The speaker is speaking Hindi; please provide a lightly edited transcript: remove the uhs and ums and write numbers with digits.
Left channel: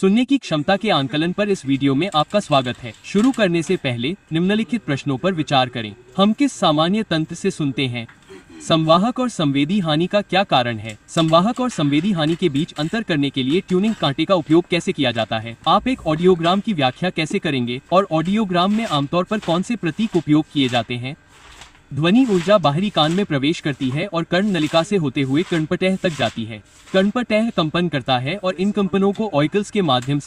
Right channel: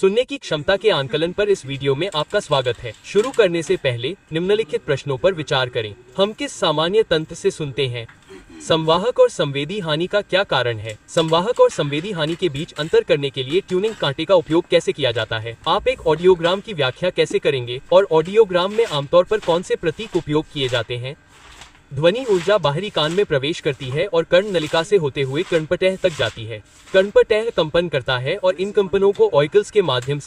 सुनने की क्षमता के आंकलन पर इस वीडियो में आपका स्वागत है। शुरू करने से पहले निम्नलिखित प्रश्नों पर विचार करें। हम किस सामान्य तंत्र से सुनते हैं? संवाहक और संवेदी हानि का क्या कारण है? संवाहक और संवेदी हानि के बीच अंतर करने के लिए ट्यूनिंग कांटे का उपयोग कैसे किया जाता है? आप एक ऑडियोग्राम की व्याख्या कैसे करेंगे और ऑडियोग्राम में आमतौर पर कौन से प्रतीक उपयोग किए जाते हैं? ध्वनि ऊर्जा बाहरी कान में प्रवेश करती है और कर्ण नलिका से होते हुए कर्णपटह तक जाती है। कर्णपटह कंपन करता है और इन कंपनों को ऑइकल्स के माध्यम से